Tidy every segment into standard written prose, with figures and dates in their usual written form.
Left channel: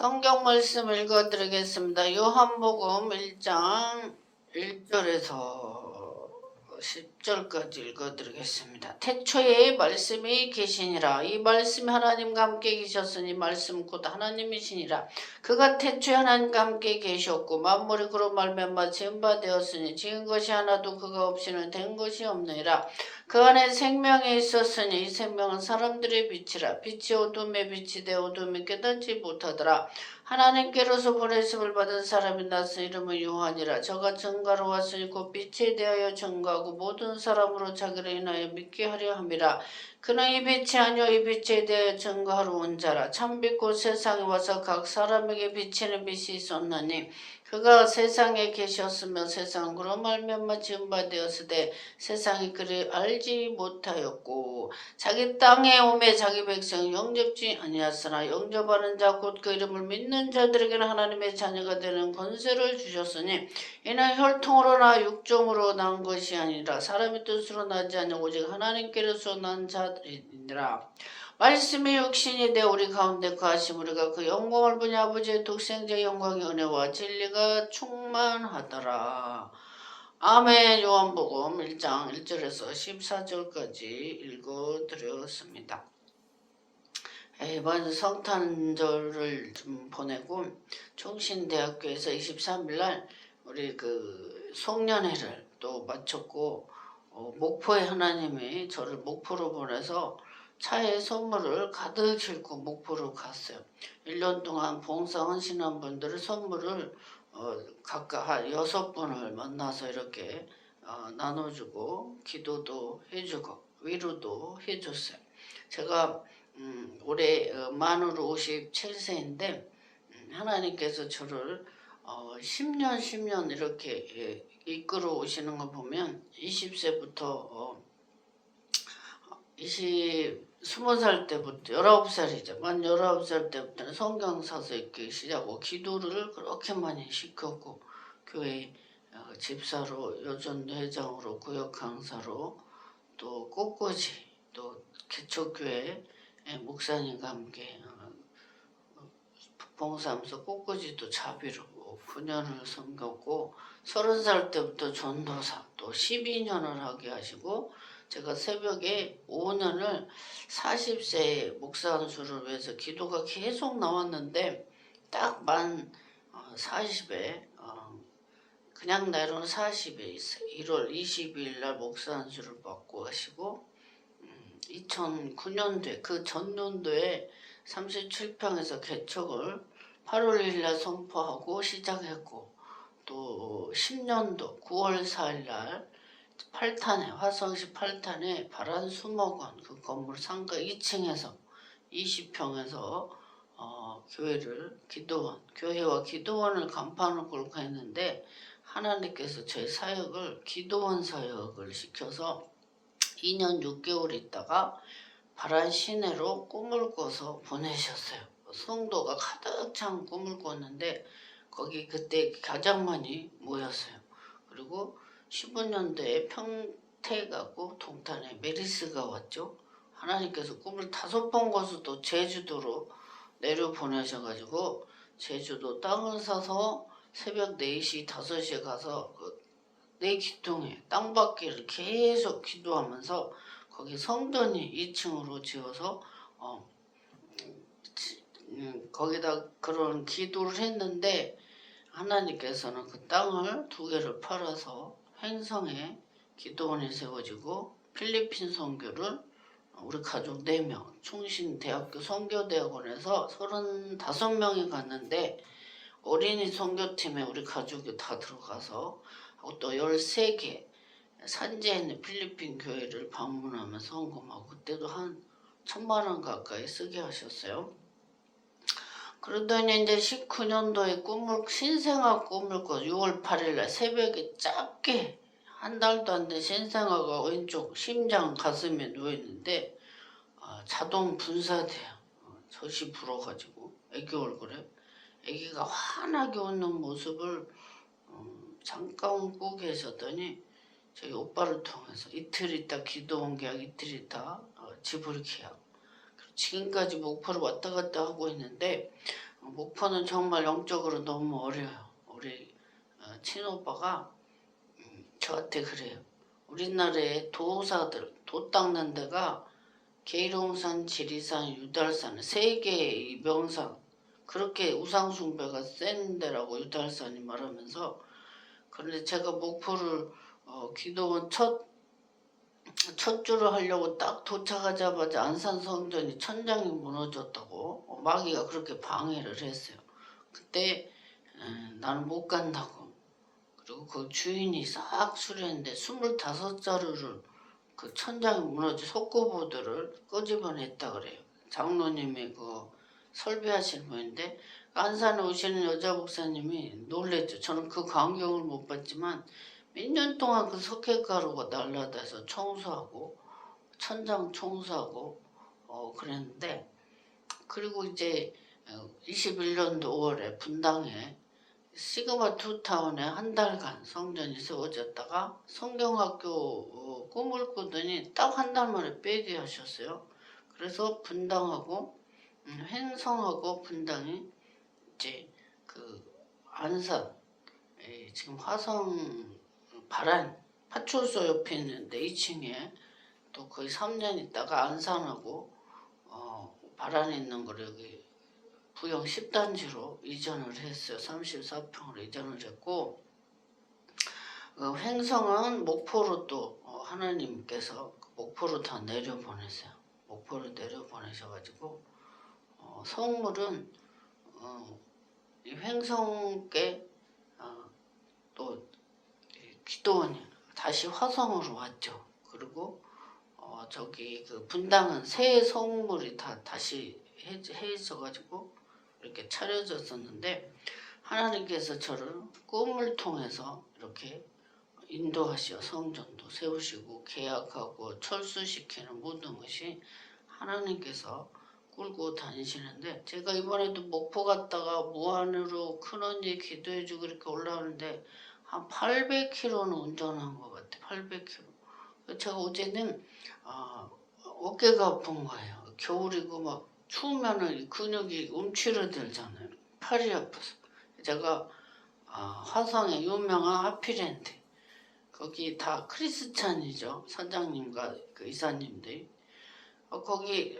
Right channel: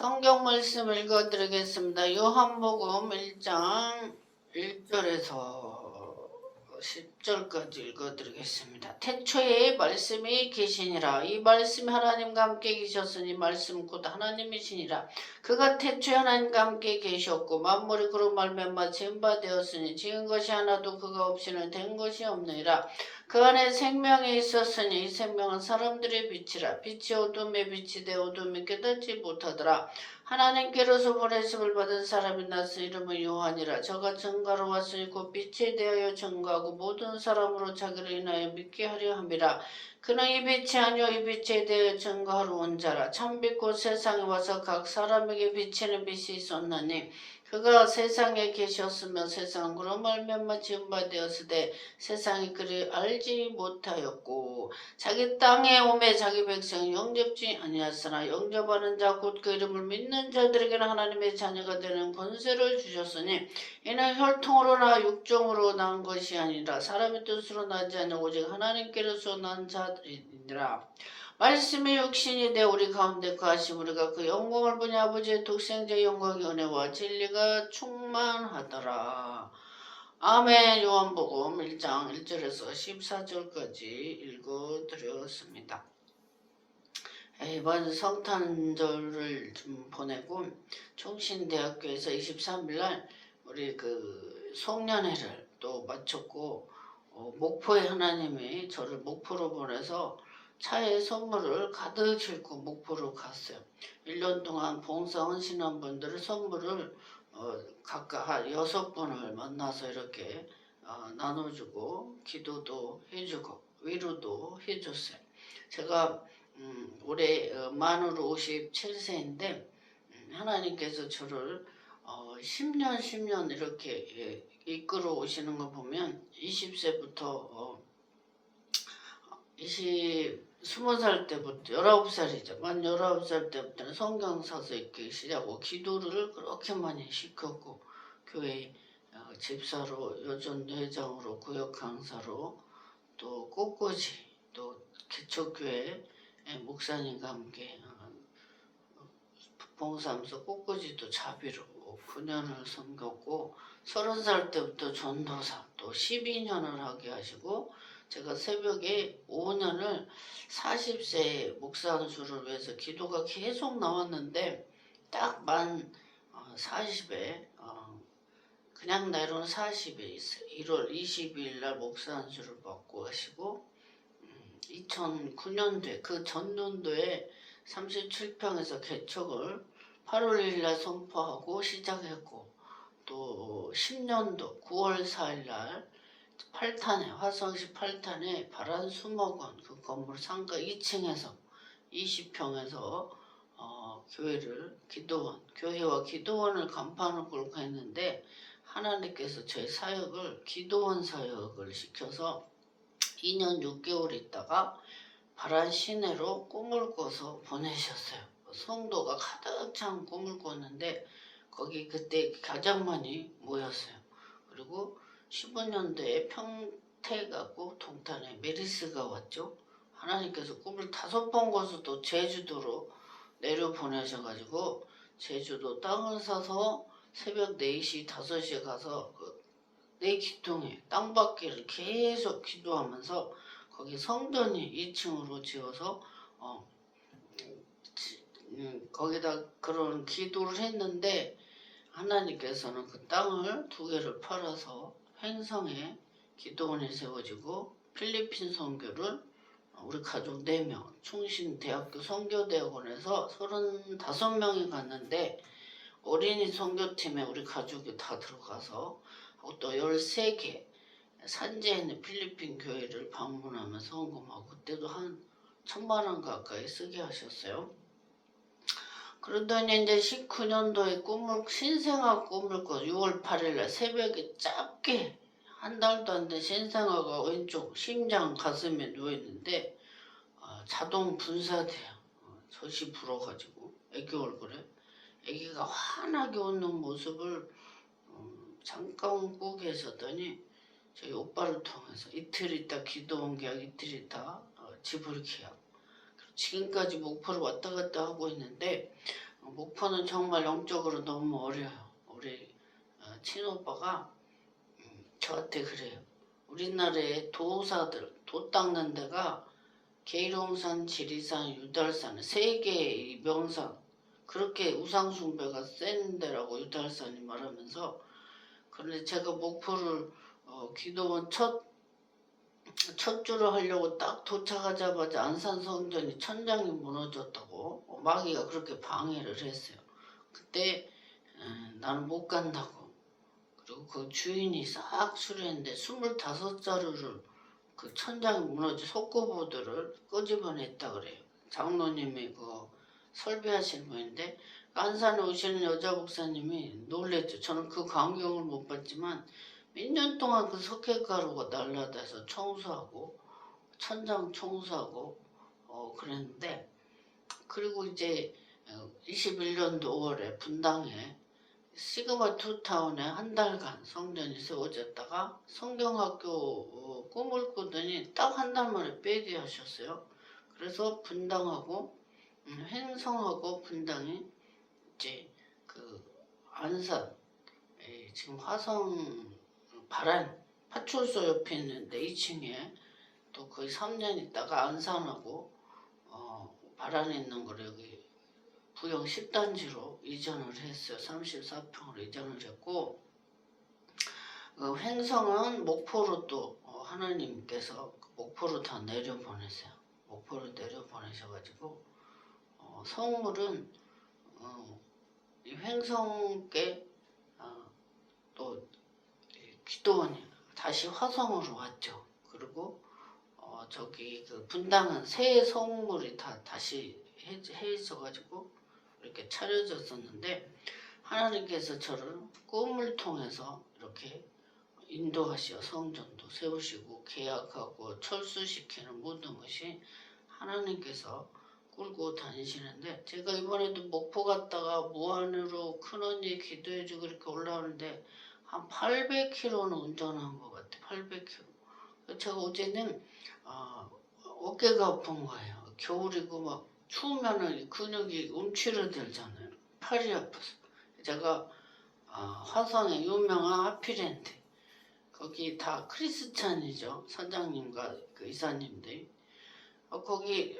성경 말씀 읽어드리겠습니다. 요한복음 1장 1절에서 10절까지 읽어드리겠습니다. 태초에 말씀이 계시니라. 이 말씀이 하나님과 함께 계셨으니 말씀 곧 하나님이시니라. 그가 태초에 하나님과 함께 계셨고 만물이 그로 말미암아 지은 바 되었으니 지은 것이 하나도 그가 없이는 된 것이 없느니라. 그 안에 생명이 있었으니 이 생명은 사람들의 빛이라. 빛이 어둠에 빛이 되어 어둠이 깨닫지 못하더라. 하나님께로서 보내심을 받은 사람이 나서 이름은 요한이라. 저가 증거로 왔으니 곧 빛에 대하여 증거하고 모든 사람으로 자기를 인하여 믿게 하려 함이라. 그는 이 빛이 아니요 이 빛에 대하여 증거하러 온 자라. 참빛 곧 세상에 와서 각 사람에게 비치는 빛이 있었나니 그가 세상에 계셨으며 세상은 그로 말미암아 지은 바 되었으되 세상이 그를 알지 못하였고 자기 땅에 오매 자기 백성을 영접지 아니하였으나 영접하는 자 곧 그 이름을 믿는 자들에게는 하나님의 자녀가 되는 권세를 주셨으니 이는 혈통으로나 육종으로 난 것이 아니라 사람의 뜻으로 나지 아니하 오직 하나님께로서 난 자들이니라. 말씀이 육신이 되어 우리 가운데 거하심 우리가 그 영광을 보니 아버지의 독생자의 영광의 은혜와 진리가 충만하더라. 아멘. 요한복음 1장 1절에서 14절까지 읽어드렸습니다. 이번 성탄절을 좀 보내고 총신대학교에서 23일날 우리 그 송년회를 또 마쳤고 목포에 하나님이 저를 목포로 보내서 차에 선물을 가득 싣고 목포로 갔어요. 1년 동안 봉사하시는 분들의 선물을 각각 한 6분을 만나서 이렇게 나눠주고 기도도 해주고 위로도 해줬어요. 제가 올해 만으로 57세인데 하나님께서 저를 10년 이렇게 이끌어 오시는 거 보면 20세부터 20살 때부터 19살이죠. 만 19살 때부터는 성경 사서 읽기 시작하고 기도를 그렇게 많이 시켰고 교회 집사로 여전 회장으로 구역 강사로 또 꽃꽂이 또 개척교회 목사님과 함께 봉사하면서 꽃꽂이도 자비로 9년을 섬겼고 30살 때부터 전도사 또 12년을 하게 하시고 제가 새벽에 5년을 40세 목사 안수를 위해서 기도가 계속 나왔는데 딱 만 40에 그냥 나이로는 40에 있어요. 1월 22일 날 목사 안수를 받고 하시고 2009년도에 그 전년도에 37평에서 개척을 8월 1일 날 선포하고 시작했고 또 10년도 9월 4일 날 8탄에 화성시 8탄에 바란수목원 그 건물 상가 2층에서 20평에서 교회를 기도원 교회와 기도원을 간판을 걸고 했는데 하나님께서 저희 사역을 기도원 사역을 시켜서 2년 6개월 있다가 바란 시내로 꿈을 꿔서 보내셨어요. 성도가 가득 찬 꿈을 꿨는데 거기 그때 가장 많이 모였어요. 그리고 15년도에 평택하고 동탄에 메리스가 왔죠. 하나님께서 꿈을 5번 꿔서 또 제주도로 내려보내셔가지고 제주도 땅을 사서 새벽 4시 5시에 가서 내 기둥에 땅받기를 계속 기도하면서 거기 성전이 2층으로 지어서 거기다 그런 기도를 했는데 하나님께서는 그 땅을 2개를 팔아서 횡성에 기도원이 세워지고 필리핀 선교를 우리 가족 4명 충신대학교 선교대학원에서 35명이 갔는데 어린이 선교팀에 우리 가족이 다 들어가서 또 13개 산지에 있는 필리핀 교회를 방문하면서 헌금하고 그때도 한 1,000만 원 가까이 쓰게 하셨어요. 그러더니 이제 19년도에 신생아 꿈을 꿔 6월 8일날 새벽에 짧게 한 달도 안 된 신생아가 왼쪽 심장 가슴에 누워있는데 자동 분사돼요. 젖이 불어가지고 애기 얼굴에 애기가 환하게 웃는 모습을 잠깐 웃고 계셨더니 저희 오빠를 통해서 이틀 있다 기도원 계약 이틀 있다 지불 계약 지금까지 목포를 왔다 갔다 하고 있는데 목포는 정말 영적으로 너무 어려요. 우리 친오빠가 저한테 그래요. 우리나라에 도사들, 도 닦는 데가 계룡산, 지리산, 유달산 세 개의 명산, 그렇게 우상숭배가 센 데라고 유달산이 말하면서. 그런데 제가 목포를 기도원 첫 주를 하려고 딱 도착하자마자 안산 성전이 천장이 무너졌다고 마귀가 그렇게 방해를 했어요. 그때 나는 못 간다고. 그리고 그 주인이 싹 수리했는데 25자루를 그 천장이 무너진 속고보드를 끄집어냈다 그래요. 장로님이 그 설교하시는 분인데 안산에 오시는 여자 목사님이 놀랬죠. 저는 그 광경을 못 봤지만 몇 년 동안 그 석회가루가 날라다서 청소하고 천장 청소하고 그랬는데, 그리고 이제 21년도 5월에 분당에 시그마 투타운에 한 달간 성전이 세워졌다가 성경학교 꿈을 꾸더니 딱 한 달 만에 빼게 하셨어요. 그래서 분당하고 횡성하고 분당이 이제 그 안산 지금 화성 바란 파출소 옆에 있는데 2층에 또 거의 3년 있다가 안산하고 바란에 있는 거를 여기 부영 10단지로 이전을 했어요. 34평으로 이전을 했고, 횡성은 목포로 또 하나님께서 목포로 다 내려보내세요. 목포로 내려보내셔가지고 성물은 이 횡성께 또 기도원이 다시 화성으로 왔죠. 그리고 저기 그 분당은 새 성물이 다 다시 해져가지고 이렇게 차려졌었는데, 하나님께서 저를 꿈을 통해서 이렇게 인도하시어 성전도 세우시고 계약하고 철수시키는 모든 것이 하나님께서 끌고 다니시는데, 제가 이번에도 목포 갔다가 무안으로 큰언니 기도해주고 이렇게 올라오는데 한 800km는 운전한 것 같아요. 800km. 제가 어제는 어깨가 아픈 거예요. 겨울이고 막 추우면은 근육이 움츠러들잖아요. 팔이 아파서. 제가 화성의 유명한 하피랜드, 거기 다 크리스찬이죠. 선장님과 그 이사님들. 거기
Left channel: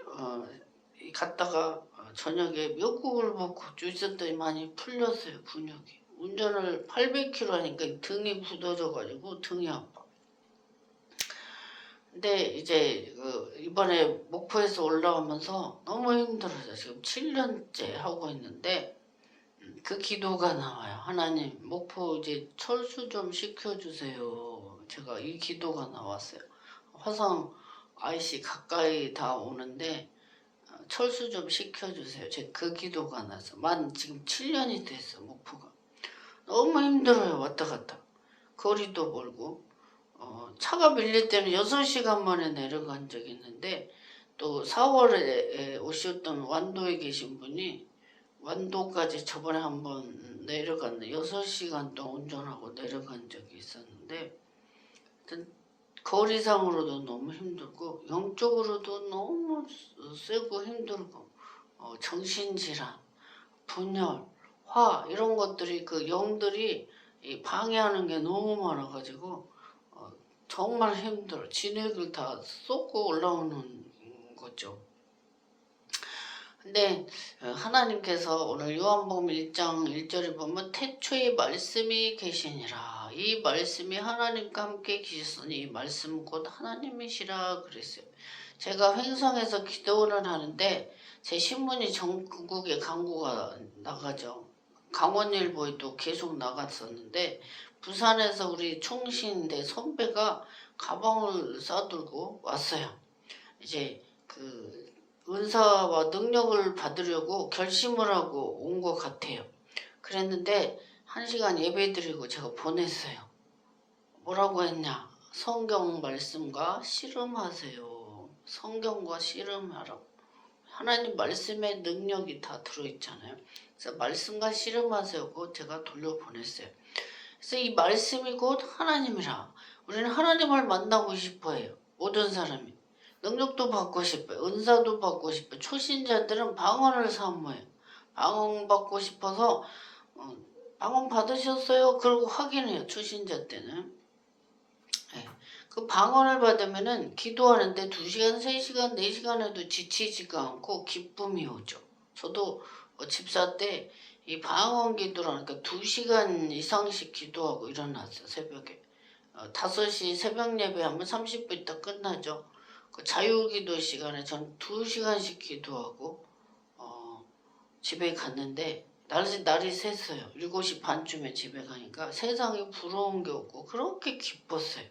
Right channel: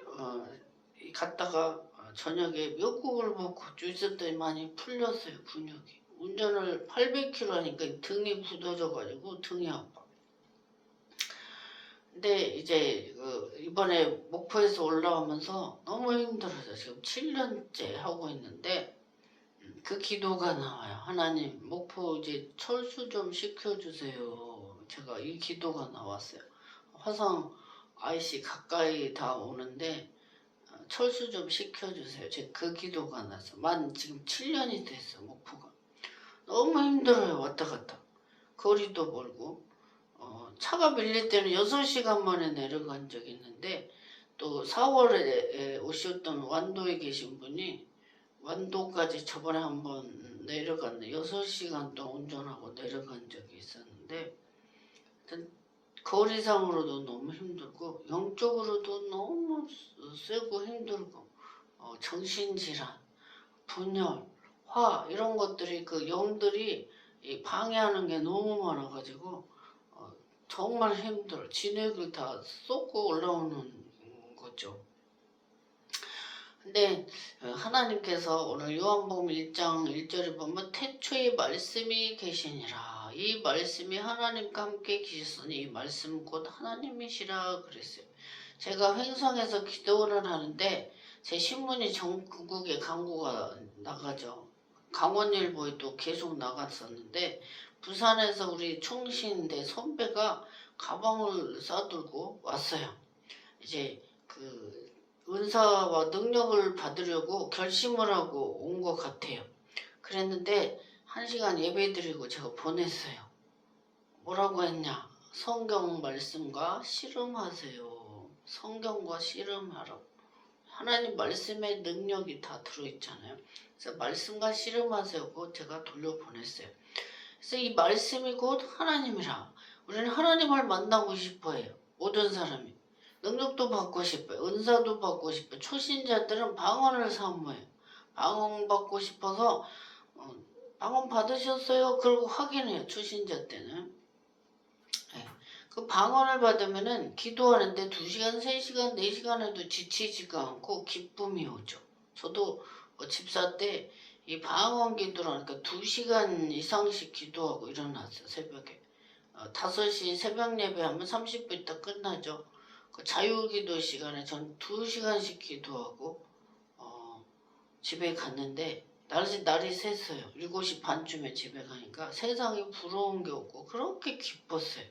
갔다가 저녁에 미역국을 먹고 있었더니 많이 풀렸어요. 근육이. 운전을 800km 하니까 등이 굳어져가지고 등이 아파. 근데 이제 이번에 목포에서 올라오면서 너무 힘들어요. 지금 7년째 하고 있는데 그 기도가 나와요. 하나님, 목포 이제 철수 좀 시켜주세요. 제가 이 기도가 나왔어요. 화성 IC 가까이 다 오는데 철수 좀 시켜주세요. 제가 그 기도가 나서 지금 7년이 됐어. 목포가 너무 힘들어요. 왔다 갔다 거리도 멀고 차가 밀릴 때는 6시간 만에 내려간 적이 있는데, 또 4월에 오셨던 완도에 계신 분이 완도까지 저번에 한번 내려갔는데 6시간 동안 운전하고 내려간 적이 있었는데, 거리상으로도 너무 힘들고 영적으로도 너무 세고 힘들고 정신질환, 분열, 화 이런 것들이 그 영들이 방해하는 게 너무 많아가지고 정말 힘들어. 진액을 다 쏟고 올라오는 거죠. 근데 하나님께서 오늘 요한복음 1장 1절에 보면 태초에 말씀이 계시니라. 이 말씀이 하나님과 함께 계셨으니 이 말씀 곧 하나님이시라 그랬어요. 제가 횡성에서 기도를 하는데 제 신문이 전국에 광고가 나가죠. 강원일보에도 계속 나갔었는데, 부산에서 우리 충신대 선배가 가방을 싸들고 왔어요. 이제 그 은사와 능력을 받으려고 결심을 하고 온 것 같아요. 그랬는데 1시간 예배 드리고 제가 보냈어요. 뭐라고 했냐? 성경 말씀과 씨름하세요. 성경과 씨름하라고. 하나님 말씀에 능력이 다 들어있잖아요. 그래서 말씀과 씨름하세요. 제가 돌려보냈어요. 그래서 이 말씀이 곧 하나님이라. 우리는 하나님을 만나고 싶어해요. 모든 사람이. 능력도 받고 싶어요. 은사도 받고 싶어요. 초신자들은 방언을 사모해요. 방언 받고 싶어서 방언 받으셨어요? 그러고 확인해요. 추신자 때는. 네. 그 방언을 받으면은 기도하는데 2시간, 3시간, 4시간 해도 지치지가 않고 기쁨이 오죠. 저도 집사 때 이 방언 기도라니까 2시간 이상씩 기도하고 일어났어요. 새벽에. 5시 새벽 예배하면 30분 있다 끝나죠. 그 자유기도 시간에 전 2시간씩 기도하고 집에 갔는데 날이 샜어요. 7시 반쯤에 집에 가니까 세상에 부러운 게 없고 그렇게 기뻤어요.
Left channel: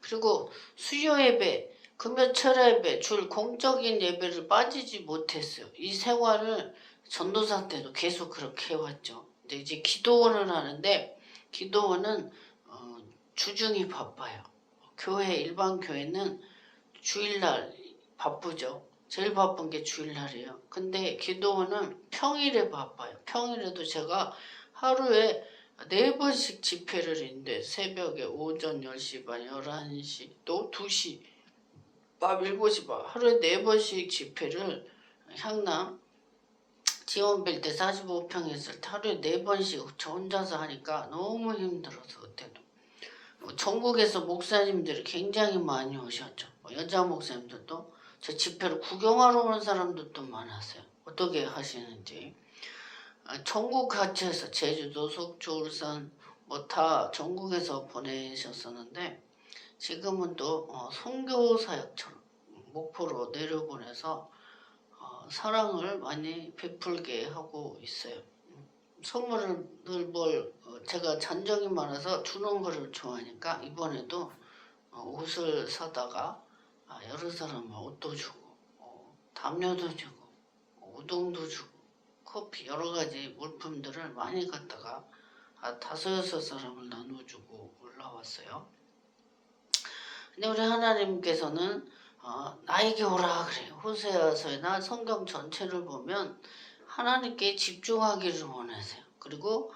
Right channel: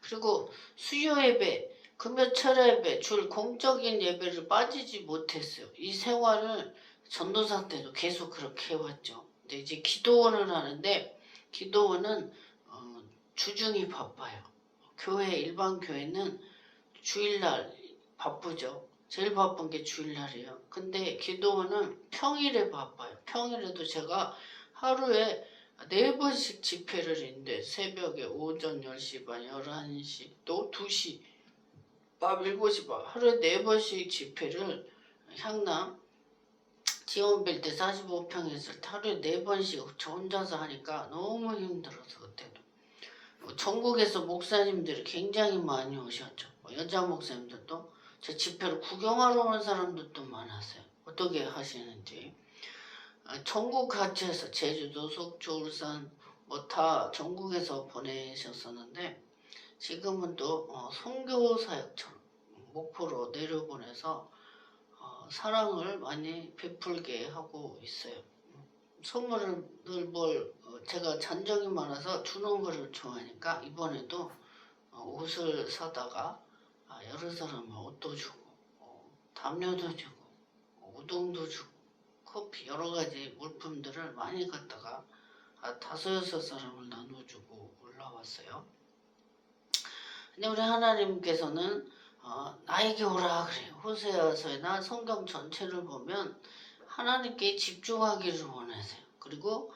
그리고 수요 예배, 금요철 예배, 줄 공적인 예배를 빠지지 못했어요. 이 생활을 전도사 때도 계속 그렇게 해왔죠. 근데 이제 기도원을 하는데 기도원은 주중이 바빠요. 일반 교회는 주일날 바쁘죠. 제일 바쁜 게 주일날이에요. 근데 기도원은 평일에 바빠요. 평일에도 제가 하루에 4번씩 집회를 했는데 새벽에 오전 10시 반, 11시, 또 2시, 밤 7시 반 하루에 4번씩 집회를 향남 지원빌 때 45평 했을 때 하루에 4번씩 저 혼자서 하니까 너무 힘들어서 그때도. 전국에서 목사님들이 굉장히 많이 오셨죠. 여자 목사님들도 저 집회를 구경하러 오는 사람들도 많았어요. 어떻게 하시는지. 전국 같이 해서 제주도, 속초, 울산 뭐 다 전국에서 보내셨었는데 지금은 또 선교 사역처럼 목포로 내려보내서 사랑을 많이 베풀게 하고 있어요. 선물을 늘 제가 잔정이 많아서 주는 거를 좋아하니까 이번에도 옷을 사다가 여러 사람은 옷도 주고 담요도 주고 우동도 주고 커피 여러 가지 물품들을 많이 갖다가 5-6 사람을 나눠주고 올라왔어요. 근데 우리 하나님께서는 나에게 오라 그래요. 호세아서나 성경 전체를 보면 하나님께 집중하기를 원하세요. 그리고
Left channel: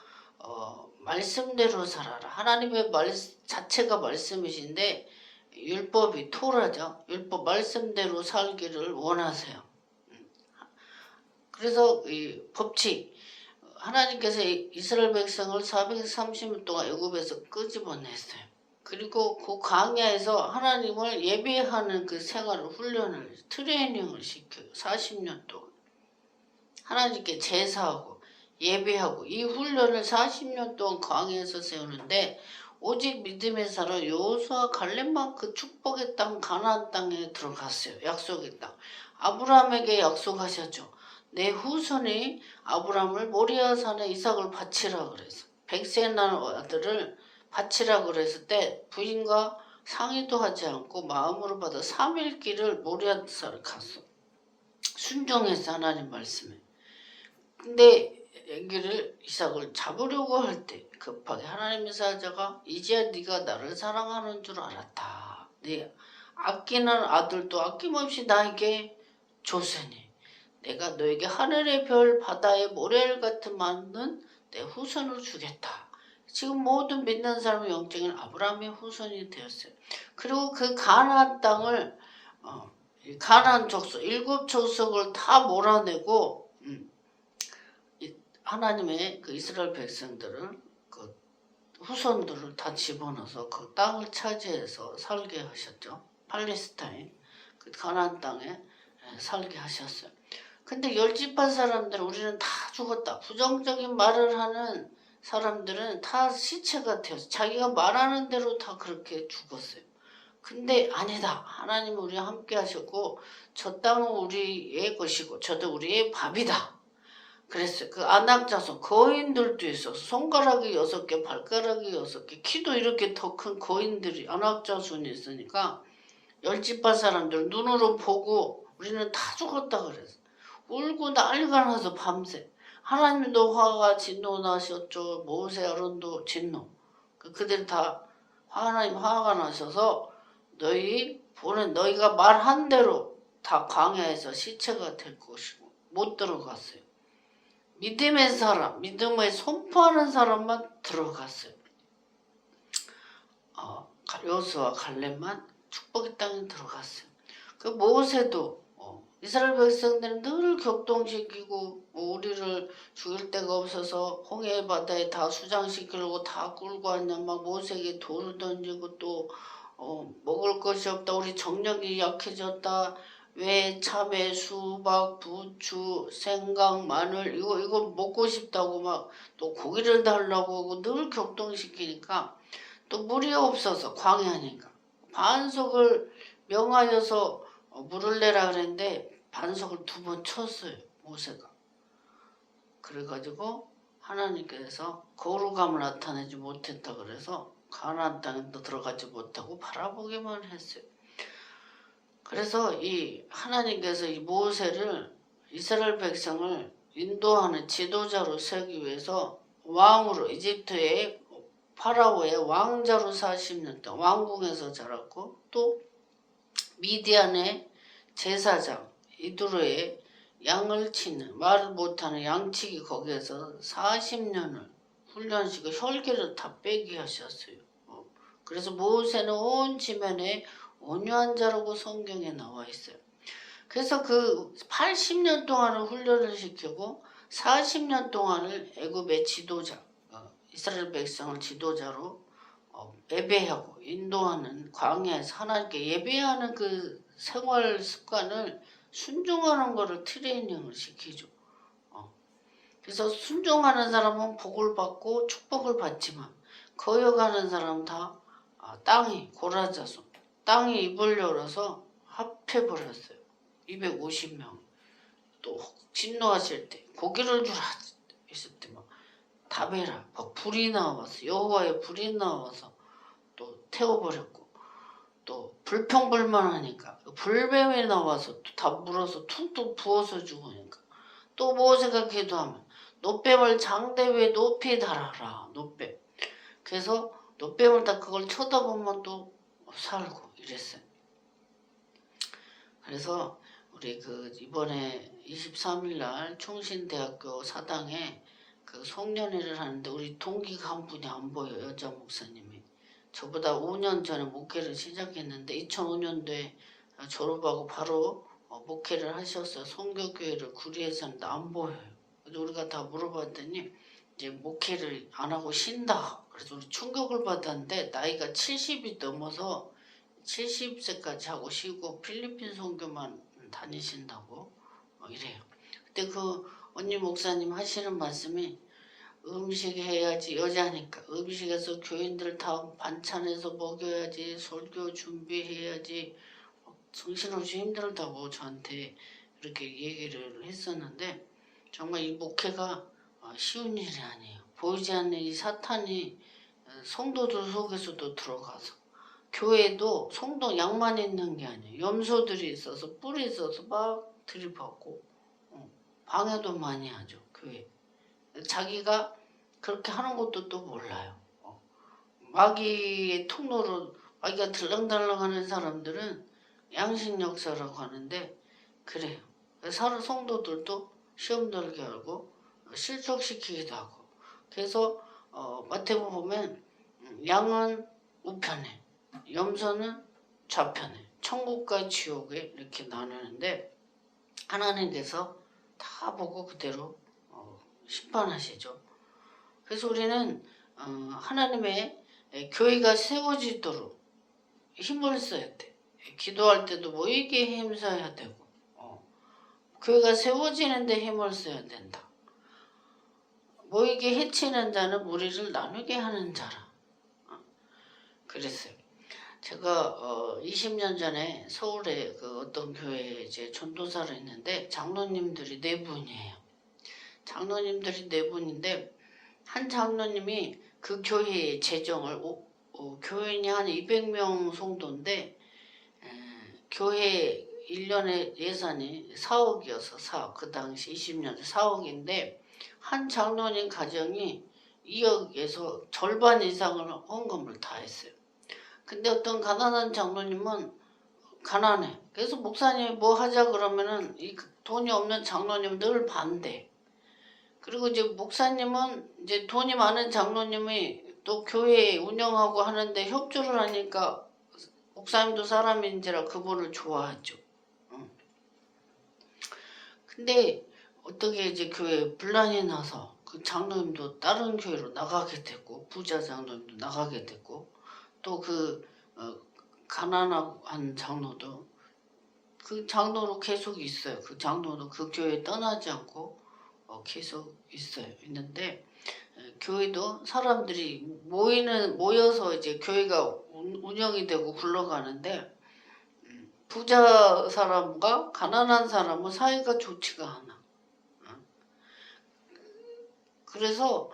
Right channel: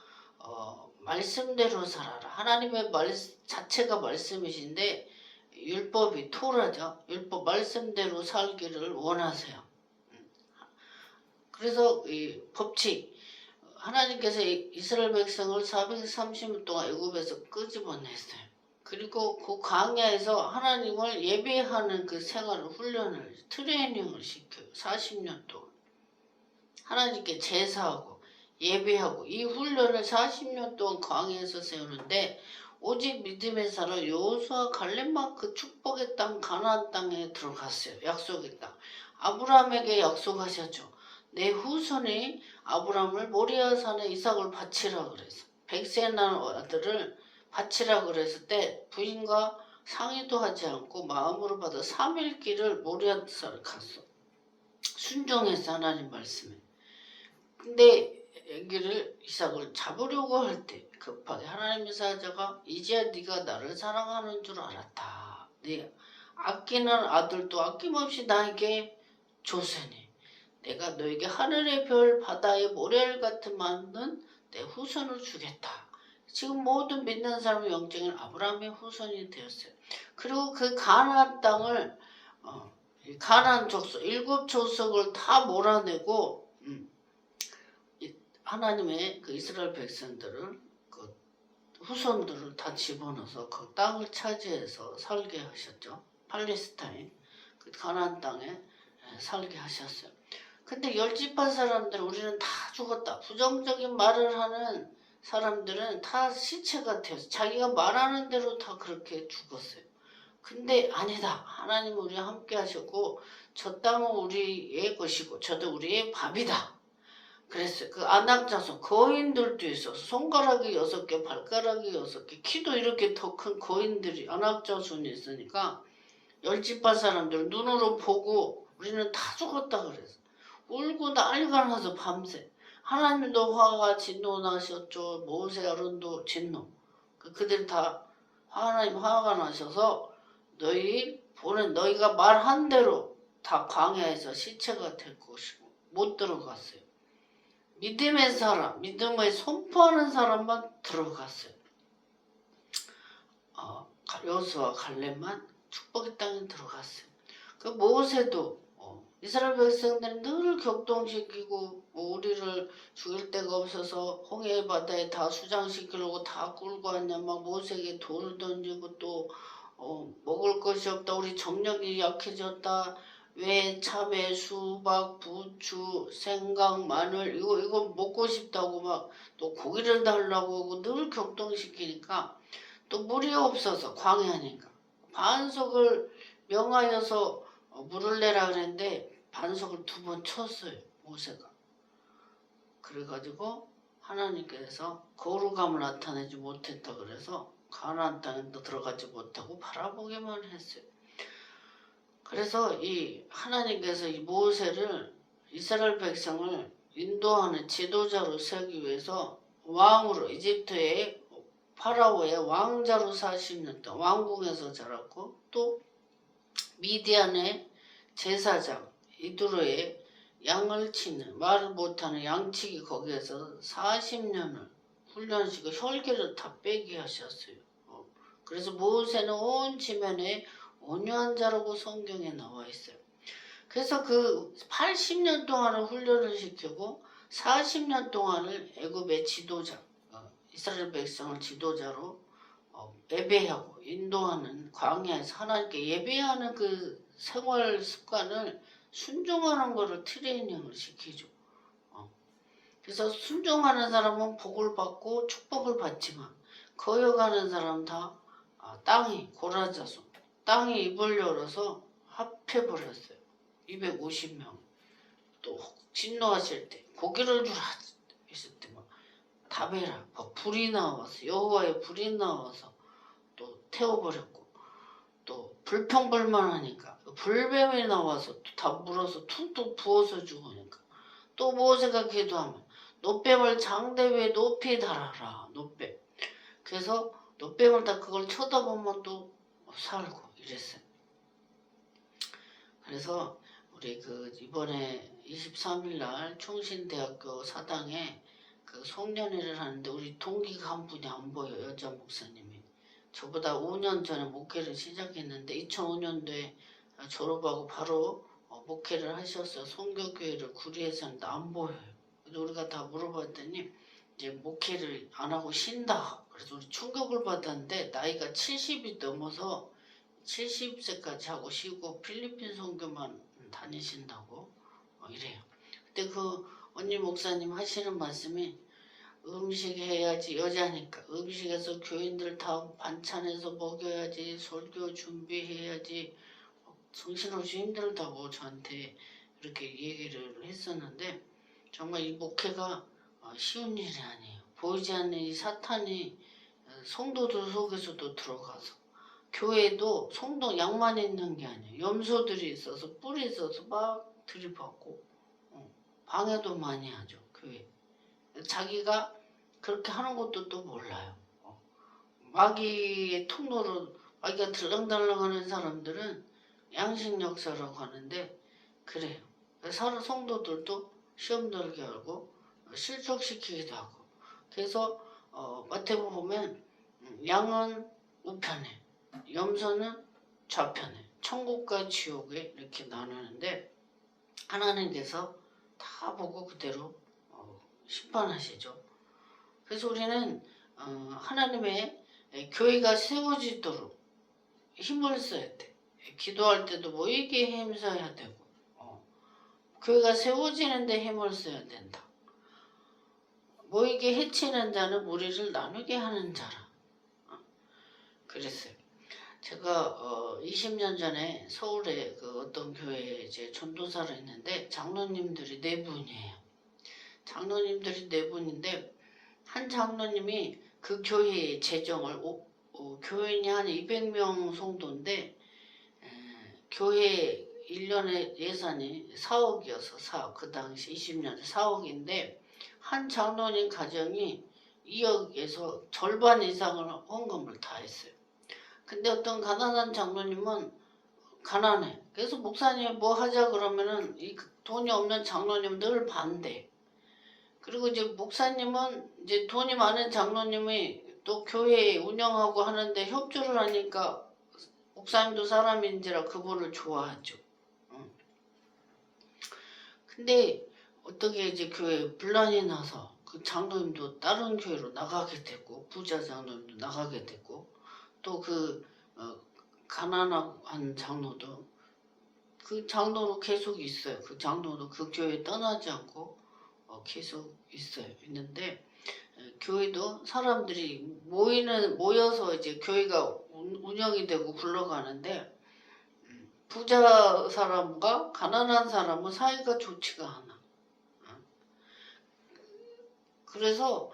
말씀대로 살아라. 하나님의 말 자체가 말씀이신데 율법이 토라죠. 율법 말씀대로 살기를 원하세요. 그래서 이 법칙 하나님께서 이스라엘 백성을 430년 동안 애굽에서 끄집어냈어요. 그리고 그 광야에서 하나님을 예배하는 그 생활을 훈련을 트레이닝을 시켜요. 40년 동안 하나님께 제사하고 예배하고 이 훈련을 40년 동안 광야에서 세우는데 오직 믿음의 살아 여호수아 갈렙만 그 축복의 땅 가나안 땅에 들어갔어요. 약속의 땅. 아브라함에게 약속하셨죠. 내 후손이 아브라함을 모리아 산에 이삭을 바치라 그래서 100세 난 아들을 바치라 그랬을 때 부인과 상의도 하지 않고 마음으로 받아 3일 길을 모리아 산을 갔어. 순종해서 하나님 말씀에. 근데 애기를 이삭을 잡으려고 할 때 급하게 하나님의 사자가 이제야 네가 나를 사랑하는 줄 알았다. 네 아끼는 아들도 아낌없이 나에게 줬으니 내가 너에게 하늘의 별 바다의 모래를 같은 많은 내 후손을 주겠다. 지금 모든 믿는 사람의 영적인 아브라함의 후손이 되었어요. 그리고 그 가나안 땅을 가나안 족속 7족속을 다 몰아내고 하나님의 그 이스라엘 백성들을 그 후손들을 다 집어넣어서 그 땅을 차지해서 살게 하셨죠. 팔레스타인 그 가나안 땅에 살게 하셨어요. 근데 열집한 사람들은 우리는 다 죽었다. 부정적인 말을 하는 사람들은 다 시체가 되어서 자기가 말하는 대로 다 그렇게 죽었어요. 근데 아니다. 하나님은 우리와 함께 하셨고 저 땅은 우리의 것이고 저도 우리의 밥이다. 그랬어요. 그 아낙 자손 거인들도 있어서 손가락이 6개 발가락이 6개 키도 이렇게 더 큰 거인들이 아낙 자손이 있으니까 열집한 사람들 눈으로 보고 우리는 다 죽었다 그랬어. 울고 난리가 나서 밤새 하나님도 화가 진노나셨죠. 모세 아론도 진노. 그들 다 하나님 화가 나셔서 너희가 말한 대로 다 광야에서 시체가 될 것이고 못 들어갔어요. 믿음의 사람, 믿음을 선포하는 사람만 들어갔어요. 여호수아 갈렙만 축복의 땅에 들어갔어요. 그 모세도 이스라엘 백성들은 늘 격동시키고 우리를 죽일 데가 없어서 홍해 바다에 다 수장시키려고 다 끌고 왔냐 막 모세에게 돌을 던지고 또 먹을 것이 없다 우리 정력이 약해졌다 왜 참외 수박 부추 생강 마늘 이거 먹고 싶다고 막 또 고기를 달라고 하고 늘 격동시키니까 또 물이 없어서 광야니까 반석을 명하여서 물을 내라 그랬는데 반석을 2번 쳤어요 모세가. 그래가지고 하나님께서 거룩함을 나타내지 못했다 그래서 가나안 땅에도 들어가지 못하고 바라보기만 했어요. 그래서 이 하나님께서 이 모세를 이스라엘 백성을 인도하는 지도자로 세우기 위해서 왕으로 이집트의 파라오의 왕자로 40년 동안 왕궁에서 자랐고 또 미디안의 제사장 이두로의 양을 치는 말을 못하는 양치기 거기에서 40년을 훈련시키고 혈기를 다 빼게 하셨어요. 그래서 모세는 온 지면에 온유한 자라고 성경에 나와 있어요. 그래서 그 80년 동안을 훈련을 시키고 40년 동안을 애굽의 지도자 이스라엘 백성을 지도자로 예배하고 인도하는 광야에서 하나님께 예배하는 그 생활 습관을 순종하는 것을 트레이닝을 시키죠. 그래서 순종하는 사람은 복을 받고 축복을 받지만 거역하는 사람은 다 땅이 고라자손 땅이 입을 열어서 합해버렸어요. 250명 또 진노하실 때 고기를 주라 했을 때 막 다베라 막 불이 나와서 여호와의 불이 나와서 또 태워버렸고 또 불평불만하니까 불뱀이 나와서 또 다 물어서 퉁퉁 부어서 죽으니까 또 모세가 기도하면 노뱀을 장대 위에 높이 달아라 노뱀. 그래서 노뱀을 다 그걸 쳐다보면 또 살고 이랬어요. 그래서 우리 그 이번에 23일날 충신대학교 사당에 그 송년회를 하는데 우리 동기가 한 분이 안 보여요. 여자 목사님이. 저보다 5년 전에 목회를 시작했는데 2005년도에 졸업하고 바로 목회를 하셨어요. 성교교회를 구리에서 하는데 안 보여요. 그래서 우리가 다 물어봤더니 이제 목회를 안 하고 쉰다. 그래서 우리 충격을 받았는데 나이가 70이 넘어서 70세까지 하고 쉬고 필리핀 선교만 다니신다고 이래요. 근데 그 언니 목사님 하시는 말씀이 음식 해야지 여자니까 음식에서 교인들 다 반찬해서 먹여야지 설교 준비해야지 정신없이 힘들다고 저한테 이렇게 얘기를 했었는데 정말 이 목회가 쉬운 일이 아니에요. 보이지 않는 이 사탄이 성도들 속에서도 들어가서 교회도 성도 양만 있는 게 아니에요. 염소들이 있어서 뿔이 있어서 막 들이받고 방해도 많이 하죠. 교회. 자기가 그렇게 하는 것도 또 몰라요. 마귀의 통로로 마귀가 들렁들렁하는 사람들은 양식 역사라고 하는데 그래요. 성도들도 시험 들게 하고 실족시키기도 하고 그래서 마태복음 보면 양은 우편에 염소는 좌편에 천국과 지옥에 이렇게 나누는데 하나님께서 다 보고 그대로 심판하시죠. 그래서 우리는 하나님의 교회가 세워지도록 힘을 써야 돼. 기도할 때도 모이기에 힘써야 되고 교회가 세워지는데 힘을 써야 된다. 모이게 해치는 자는 무리를 나누게 하는 자라. 그랬어요. 제가 20년 전에 서울에 그 어떤 교회에 이제 전도사를 했는데 장로님들이 4분이에요. 장로님들이 4분인데 한 장로님이 그 교회의 재정을 교인이 한 200명 성도인데 교회 1년에 예산이 4억이어서 4억 그 당시 20년 4억인데 한 장로님 가정이 2억에서 절반 이상을 헌금을 다 했어요. 근데 어떤 가난한 장로님은 가난해. 그래서 목사님이 뭐 하자 그러면은 이 돈이 없는 장로님 늘 반대. 그리고 이제 목사님은 이제 돈이 많은 장로님이 또 교회 운영하고 하는데 협조를 하니까 목사님도 사람인지라 그분을 좋아하죠. 근데 어떻게 이제 교회에 분란이 나서 그 장로님도 다른 교회로 나가게 됐고 부자 장로님도 나가게 됐고 또 그 가난한 장로도 그 장로로 계속 있어요. 그 장로도 그 교회 떠나지 않고 계속 있는데 교회도 사람들이 모여서 이제 교회가 운영이 되고 굴러가는데 부자 사람과 가난한 사람은 사이가 좋지가 않아. 그래서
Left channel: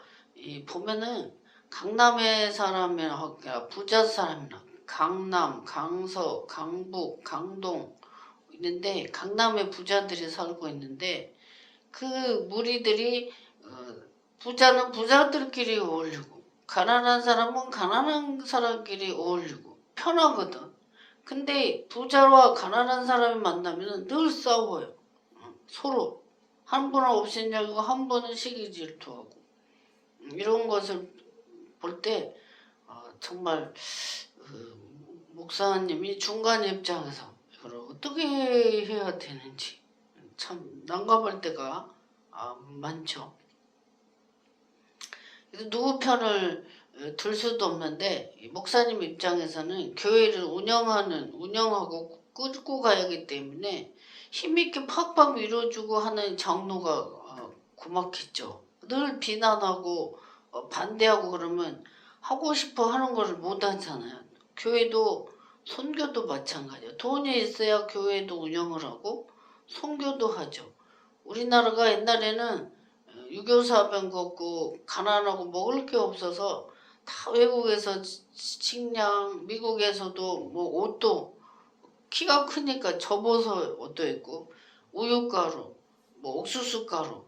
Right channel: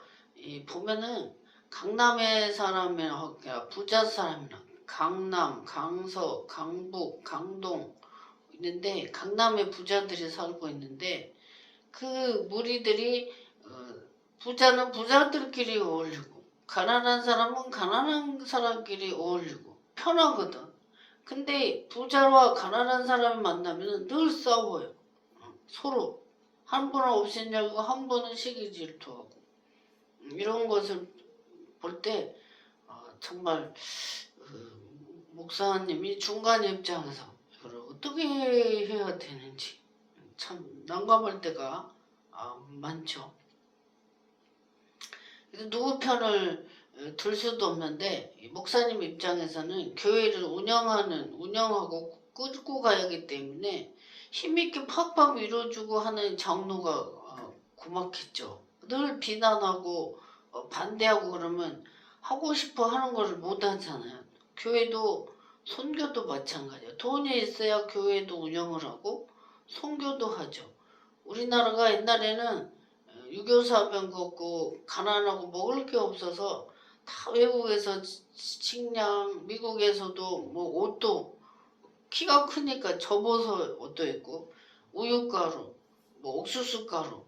보면은 강남의 사람이나 부자 사람이나 강남, 강서, 강북, 강동 있는데 강남에 부자들이 살고 있는데 그 무리들이 부자는 부자들끼리 어울리고 가난한 사람은 가난한 사람끼리 어울리고 편하거든. 근데 부자와 가난한 사람이 만나면 늘 싸워요. 서로 한 분은 없애냐고 한 분은 시기 질투하고 이런 것을 볼 때 정말 목사님이 중간 입장에서 이걸 어떻게 해야 되는지 참 난감할 때가 많죠. 그래서 누구 편을 들 수도 없는데 목사님 입장에서는 교회를 운영하고 끌고 가야 하기 때문에 힘있게 팍팍 밀어주고 하는 장로가 고맙겠죠. 늘 비난하고 반대하고 그러면 하고 싶어 하는 걸 못 하잖아요. 교회도 선교도 마찬가지예요. 돈이 있어야 교회도 운영을 하고 선교도 하죠. 우리나라가 옛날에는 유교사병 걷고 가난하고 먹을 게 없어서 다 외국에서 식량, 미국에서도 뭐 옷도 키가 크니까 접어서 옷도 있고 우유가루, 뭐 옥수수가루,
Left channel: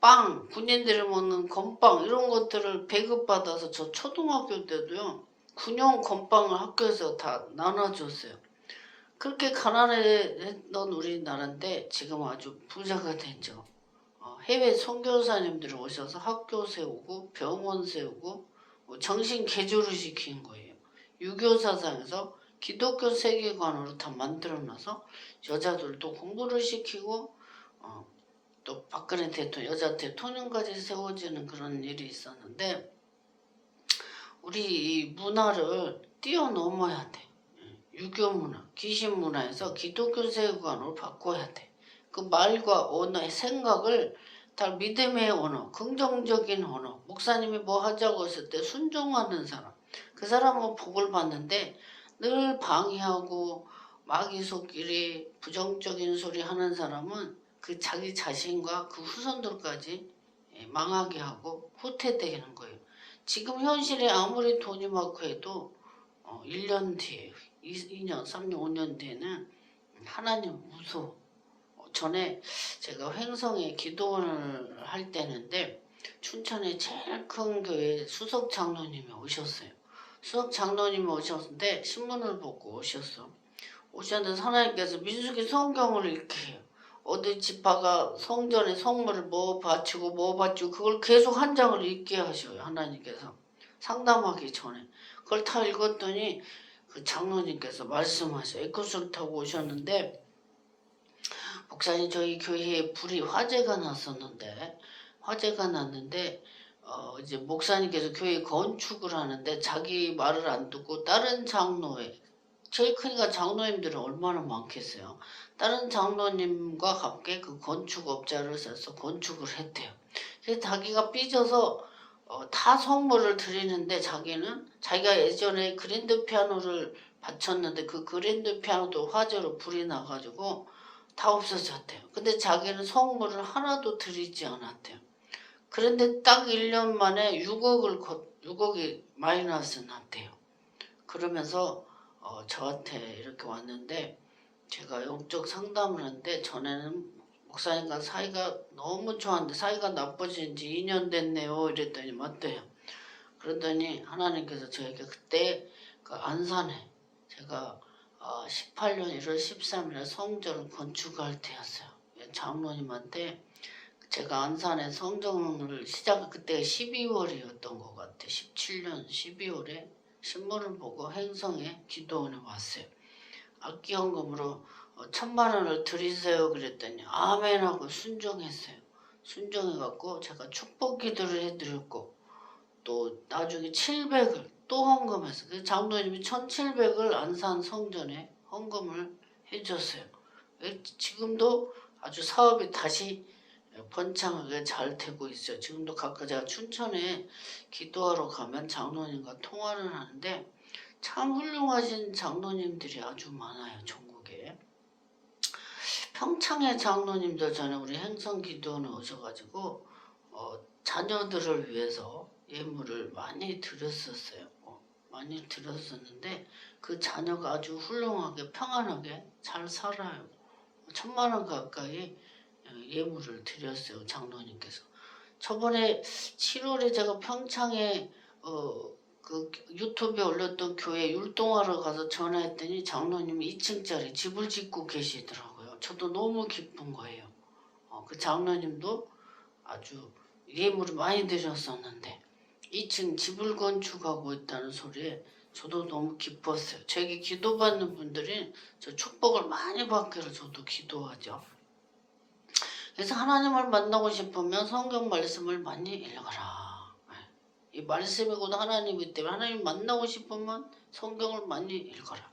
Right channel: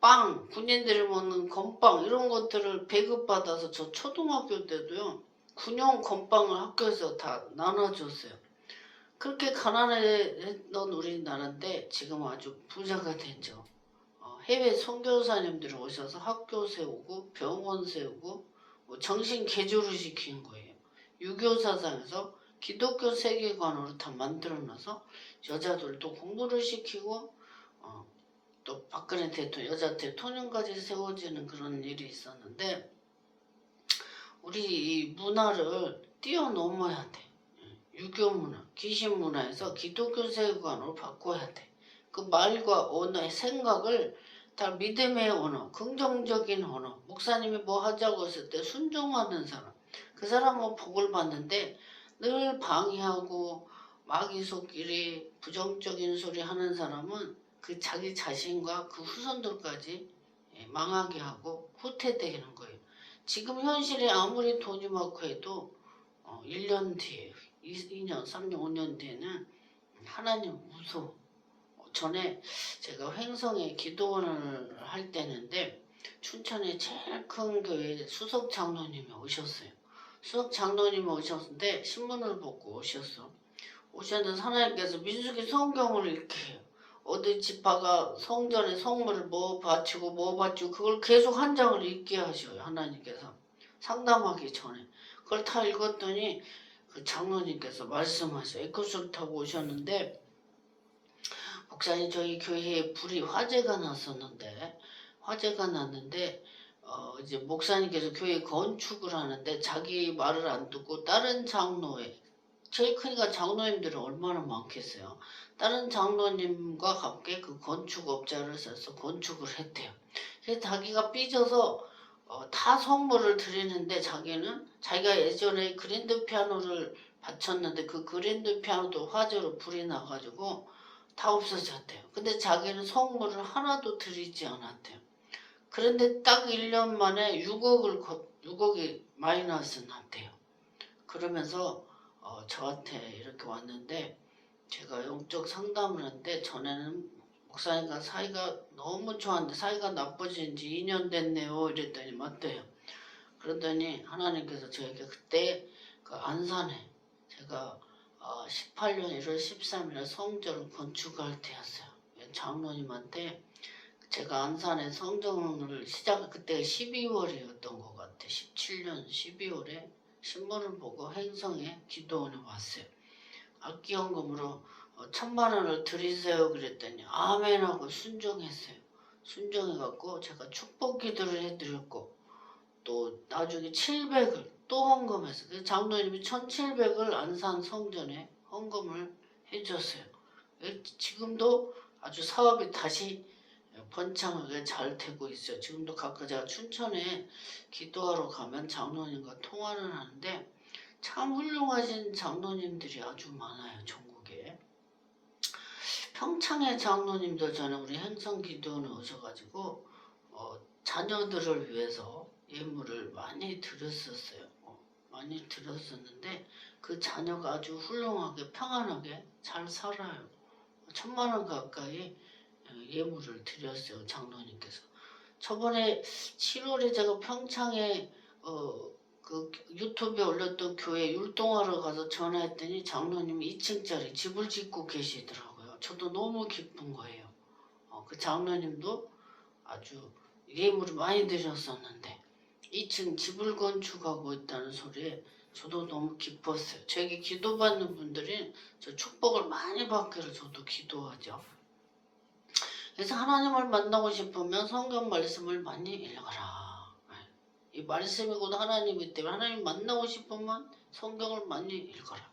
빵, 군인들이 먹는 건빵 이런 것들을 배급받아서 저 초등학교 때도요. 군용 건빵을 학교에서 다 나눠줬어요. 그렇게 가난했던 우리나라인데 지금 아주 부자가 됐죠. 해외 선교사님들이 오셔서 학교 세우고 병원 세우고 정신 개조를 시킨 거예요. 유교 사상에서 기독교 세계관으로 다 만들어놔서 여자들도 공부를 시키고 또 박근혜 대통령 여자 대통령까지 세워지는 그런 일이 있었는데 우리 이 문화를 뛰어넘어야 돼. 유교 문화, 귀신 문화에서 기독교 세계관으로 바꿔야 돼. 그 말과 언어의 생각을 다 믿음의 언어, 긍정적인 언어. 목사님이 뭐 하자고 했을 때 순종하는 사람. 그 사람은 복을 받는데 늘 방해하고 마귀속끼리 부정적인 소리 하는 사람은 그 자기 자신과 그 후손들까지 망하게 하고 후퇴되는 거예요. 지금 현실에 아무리 돈이 많고 해도 1년 뒤에 2년, 3년, 5년 뒤에는 하나님 무서워. 전에 제가 횡성에 기도원을 할 때는데 춘천에 제일 큰 교회 수석 장로님이 오셨어요. 수석 장로님이 오셨는데 신문을 보고 오셨는데 하나님께서 민수기 성경을 읽게 해요. 어디 지파가 성전에 성물을 뭐 바치고 그걸 계속 한 장을 읽게 하셔요. 하나님께서 상담하기 전에 그걸 다 읽었더니 그 장로님께서 말씀하셔요. 에코스를 타고 오셨는데 목사님 저희 교회에 불이 화재가 났는데 이제 목사님께서 교회 건축을 하는데 자기 말을 안 듣고 다른 장로에 제일 크니까 장로님들은 얼마나 많겠어요. 다른 장로님과 함께 그 건축업자를 써서 건축을 했대요. 그래서 자기가 삐져서 다 선물을 드리는데 자기가 예전에 그랜드 피아노를 바쳤는데 그 그랜드 피아노도 화재로 불이 나가지고 다 없어졌대요. 근데 자기는 선물을 하나도 드리지 않았대요. 그런데 딱 1년 만에 6억이 마이너스 났대요. 그러면서 저한테 이렇게 왔는데 제가 영적 상담을 하는데 전에는 목사님과 사이가 너무 좋았는데 사이가 나빠진 지 2년 됐네요. 이랬더니 맞대요. 그러더니 하나님께서 저에게 그때 그 안산에 제가 18년 1월 13일에 성전을 건축할 때였어요. 장로님한테 제가 안산에 성전을 그때 12월이었던 것 같아요. 17년 12월에 신문을 보고 행성에 기도원에 왔어요. 악기연금으로 천만 원을 드리세요 그랬더니 아멘 하고 순종했어요. 순종해갖고 제가 축복 기도를 해드렸고 또 나중에 700을 또 헌금했어요. 그래서 장로님이 1700을 안산 성전에 헌금을 해줬어요. 지금도 아주 사업이 다시 번창하게 잘 되고 있어요. 지금도 각각 제가 춘천에 기도하러 가면 장로님과 통화를 하는데 참 훌륭하신 장로님들이 아주 많아요. 전국에. 평창의 장로님도 전에 우리 행성기도원에 오셔가지고 자녀들을 위해서 예물을 많이 드렸었어요. 많이 드렸었는데 그 자녀가 아주 훌륭하게 평안하게 잘 살아요. 1000만 원 가까이 예물을 드렸어요. 장로님께서. 저번에 7월에 제가 평창에 그 유튜브에 올렸던 교회 율동하러 가서 전화했더니 장로님이 2층짜리 집을 짓고 계시더라고요. 저도 너무 기쁜 거예요. 그 장로님도 아주 예물을 많이 드렸었는데 2층 집을 건축하고 있다는 소리에 저도 너무 기뻤어요. 저에게 기도받는 분들이 저 축복을 많이 받기를 저도 기도하죠. 그래서 하나님을 만나고 싶으면 성경 말씀을 많이 읽어라. 이 말씀이고도 하나님이기 때문에 하나님 만나고 싶으면 성경을 많이 읽어라.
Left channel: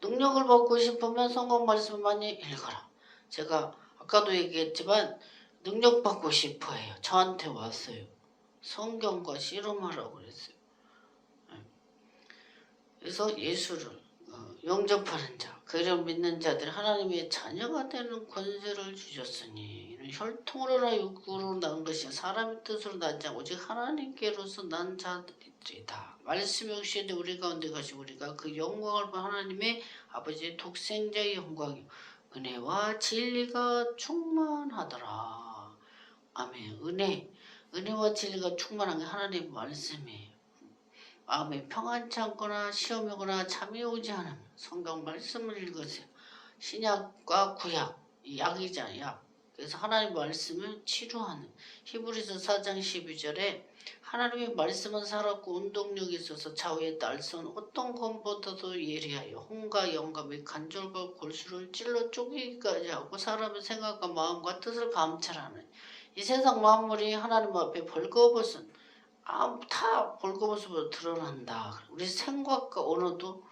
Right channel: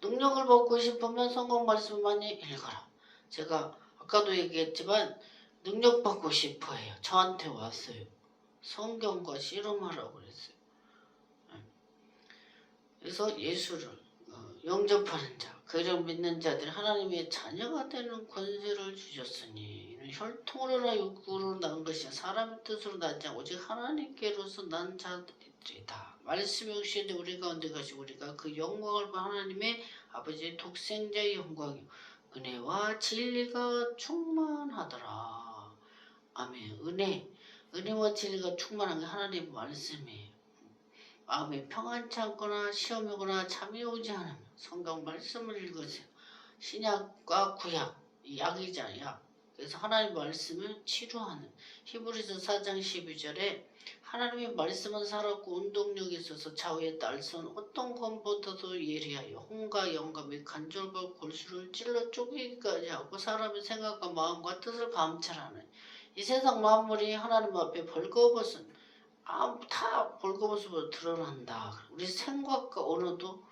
능력을 받고 싶으면 성경 말씀을 많이 읽어라. 제가 아까도 얘기했지만 능력 받고 싶어해요. 저한테 왔어요. 성경과 씨름하라고 그랬어요. 그래서 예수를 영접하는 자, 그를 믿는 자들 하나님의 자녀가 되는 권세를 주셨으니 이는 혈통으로나 육구로 난 것이 사람의 뜻으로 나지 않고 오직 하나님께로서 난 자들이다. 말씀이 혹시 우리 가운데 가시고 우리가 그 영광을 본 하나님의 아버지의 독생자의 영광이요 은혜와 진리가 충만하더라. 아멘. 은혜와 진리가 충만한 게 하나님의 말씀이에요. 마음에 평안치 않거나 시험이 오거나 잠이 오지 않으면 성경 말씀을 읽으세요. 신약과 구약, 약이잖아요. 약. 그래서 하나님 말씀을 치료하는 히브리서 4장 12절에 하나님의 말씀은 살았고 운동력이 있어서 좌우의 날선 어떤 검보다도 예리하여 혼과 영과 및 관절과 골수를 찔러 쪼개기까지 하고 사람의 생각과 마음과 뜻을 감찰하는 이 세상 만물이 하나님 앞에 벌거벗은 다 벌거벗음으로 드러난다. 우리 생각과 언어도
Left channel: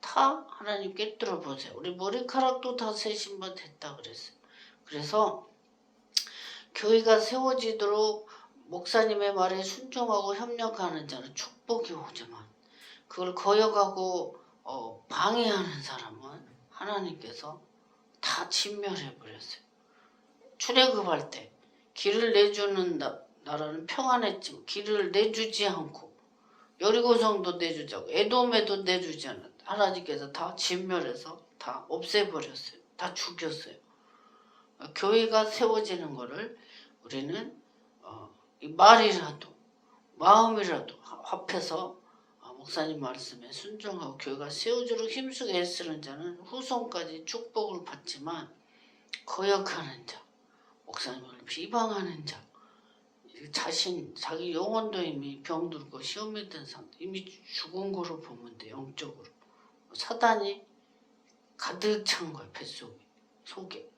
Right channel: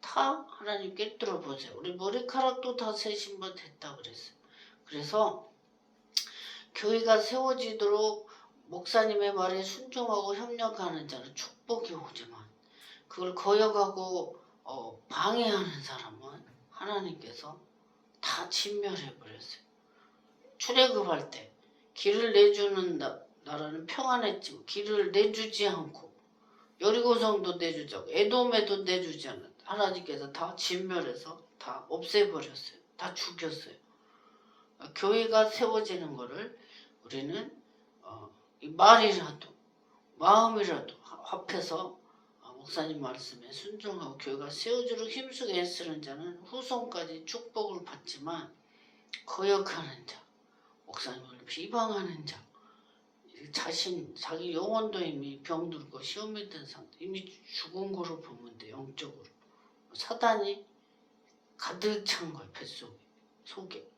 다 하나님 꿰뚫어 보세요. 우리 머리카락도 다 새 신발 됐다 그랬어요. 그래서 교회가 세워지도록 목사님의 말에 순종하고 협력하는 자는 축복이 오지만 그걸 거역하고 방해하는 사람은 하나님께서 다 진멸해 버렸어요. 출애굽할 때 길을 내주는 나라는 평안했지만 길을 내주지 않고 여리고성도 내주지 않고 에돔에도 내주지 않았다. 하나님께서 다 진멸해서 다 없애버렸어요. 다 죽였어요. 교회가 세워지는 거를 우리는 이 말이라도 마음이라도 합해서 목사님 말씀에 순종하고 교회가 세워지도록 힘쓰게 애쓰는 자는 후손까지 축복을 받지만 거역하는 자, 목사님을 비방하는 자, 자기 영혼도 이미 병들고 시험에 든 상태, 이미 죽은 거로 보면 돼. 영적으로 사단이 가득 찬 거야. 뱃속에, 속에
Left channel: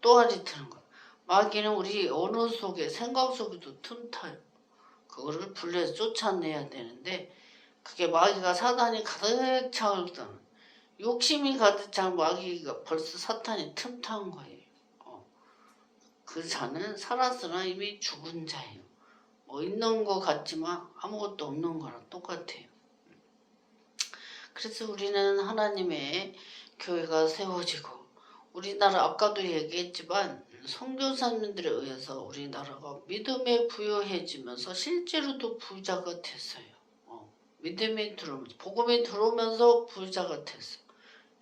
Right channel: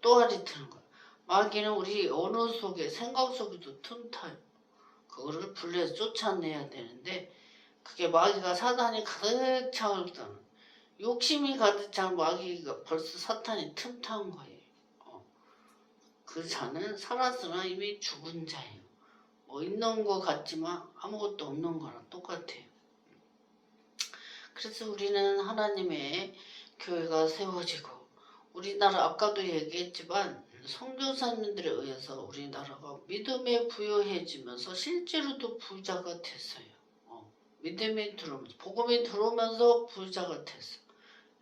또아리 트는 거야. 마귀는 우리 언어 속에 생각 속에도 틈타요. 그거를 분리해서 쫓아내야 되는데 그게 마귀가 사단이 가득 차오르다는 욕심이 가득 찬 마귀가 벌써 사탄이 틈탄 거예요. 그 자는 살았으나 이미 죽은 자예요. 있는 것 같지만 아무것도 없는 거랑 똑같아요. 그래서 우리는 하나님의 교회가 세워지고 우리나라 아까도 얘기했지만 선교사님들에 의해서 우리나라가 믿음에 부여해지면서 실제로도 부자가 됐어요. 믿음이 들어오면서 복음이 들어오면서 부자가 됐어.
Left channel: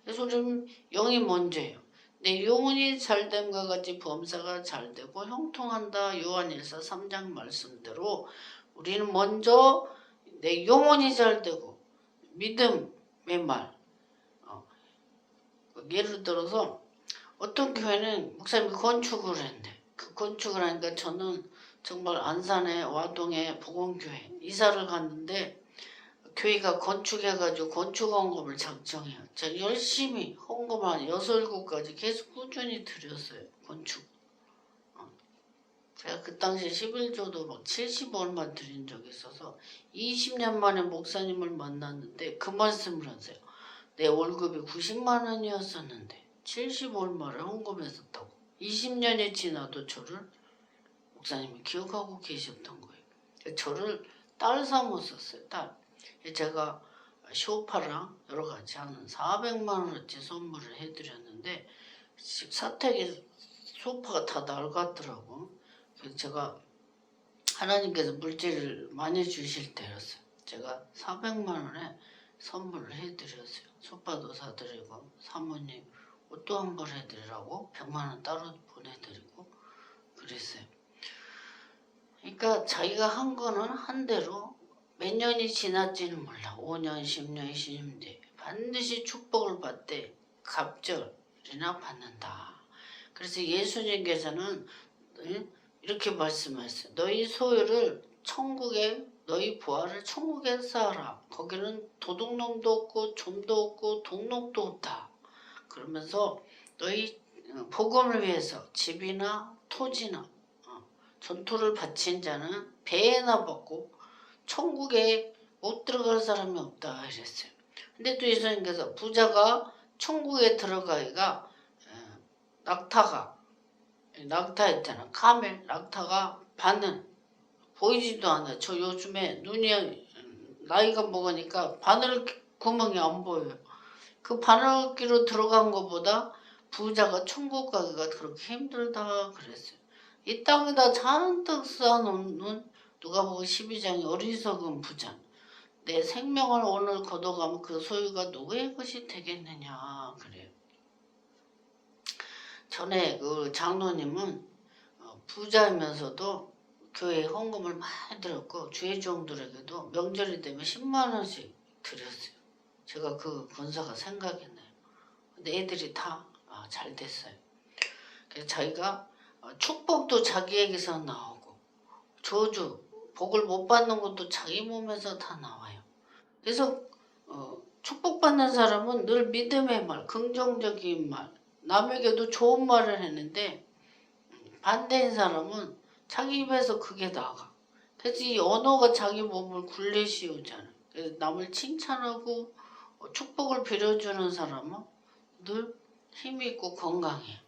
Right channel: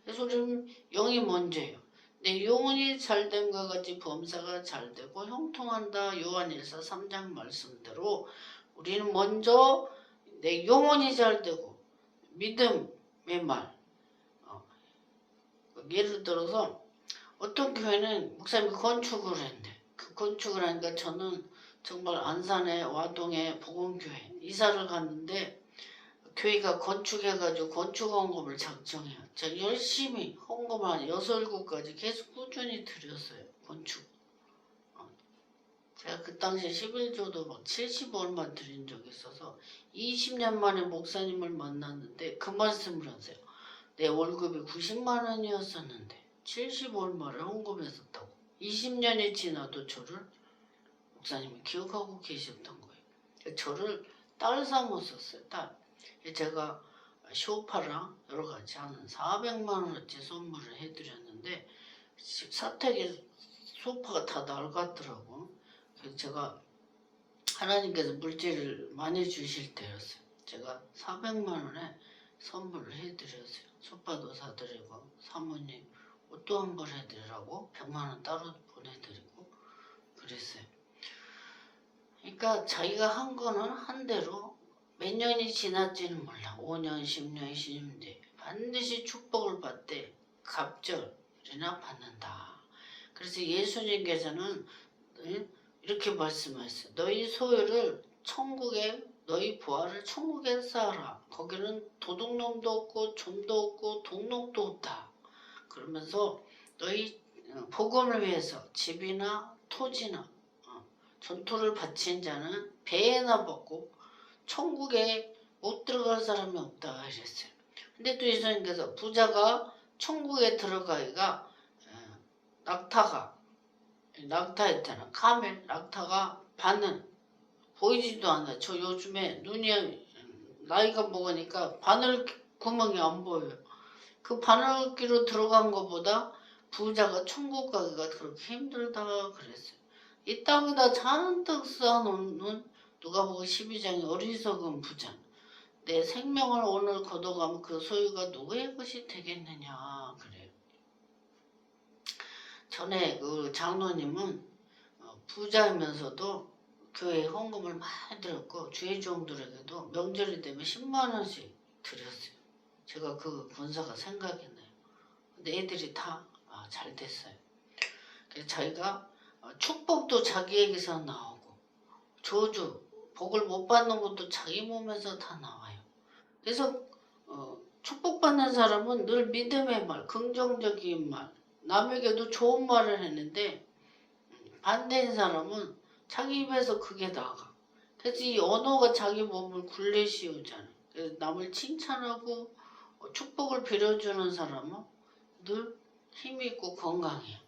그래서 우리는 영이 먼저예요. 내 영혼이 잘됨과 같이 범사가 잘되고 형통한다. 요한일서 3장 말씀대로 우리는 먼저 내 영혼이 잘되고 믿음의 말. 예를 들어서 어떤 교회는 목사님이 건축을 했는데 그 건축을 하니까 저는 정말 안산에 와동에 복원교회 이사를 갔는데 교회가 건축해가지고 건축 헌금을 작정해요. 자, 열심히 헌금 한 6, 7가지 계속 꾸준히 드렸어요. 건축. 제가 그 당시에 11조도 막 70 얼마 드린 적이 있어서 20년 만에 목사님을 만났는데 그 말씀을 하세요. 내 월급이 90만 원이었었는데 70 얼마를 헌금했었다고. 20년이 지나도 저를 목사님이 기억하고 계셨던 거예요. 저를 딸 삼았었어요. 딸. 제가 쇼파랑 여러 가지 한 400만 원어치 선물을 해드렸는데 사택에 소파가 다 낡았더라고. 그래서 제가 하나님께서 물질을 많이 주실 때였어요. 제가 400만 원에 선물을 해드렸어요. 소파도 사드리고 사모님 옷도 한 벌 해드리라고 100만 원 따로 보내드리고 그랬어요. 그러니까 자기가 한 거는 한 대로 몇 년이 지날지는 몰라. 5년, 10년, 20년 반드시 축복을 받되 갑절이나 받는다. 그래서 예수님께서는 이렇게 말씀하셨어요. 너희 소유를 천국에 너희 부활을 천국에 쌓아라. 거기는 도둑놈도 없고 좀도 없고 동록도 없다. 그러면서 너희 복음을 위해서 집이나 토지나 전토를 바친 자는 배에나 받고 천국에 못 들어갈 사람이 없다 이랬어요. 근데 또 예수님께서 부자가 천국에 들어가기가 낙타 있잖아. 카멜 낙타가 바늘 보이지도 않아요. 저 요즘에 눈이 나이가 먹으니까 바늘 구멍이 안 보여요. 그 바늘기로 들어간 것보다 부자가 천국 가기가 그렇게 힘들다 그랬어요. 이 땅에다 잔뜩 쌓아놓는 누가복음 12장의 어리석은 부자. 내 생명을 오늘 걷어가면 그 소유가 누구의 것이 되겠느냐 그래요. 전에 그 장로님은 부자이면서도 교회에 헌금을 많이 들었고 주의종들에게도 명절이 되면 10만 원씩 드렸어요. 제가 그 권사가 생각이 나요. 근데 애들이 다 잘 됐어요. 그래서 자기가 축복도 자기에게서 나오고 저주, 복을 못 받는 것도 자기 몸에서 다 나와요. 그래서 축복받는 사람은 늘 믿음의 말, 긍정적인 말, 남에게도 좋은 말을 했는데 반대인 사람은 자기 입에서 그게 나가. 그래서 이 언어가 자기 몸을 굴레씌우잖아. 그래서 남을 칭찬하고 축복을 빌어주는 사람은 늘 힘있고 건강해요.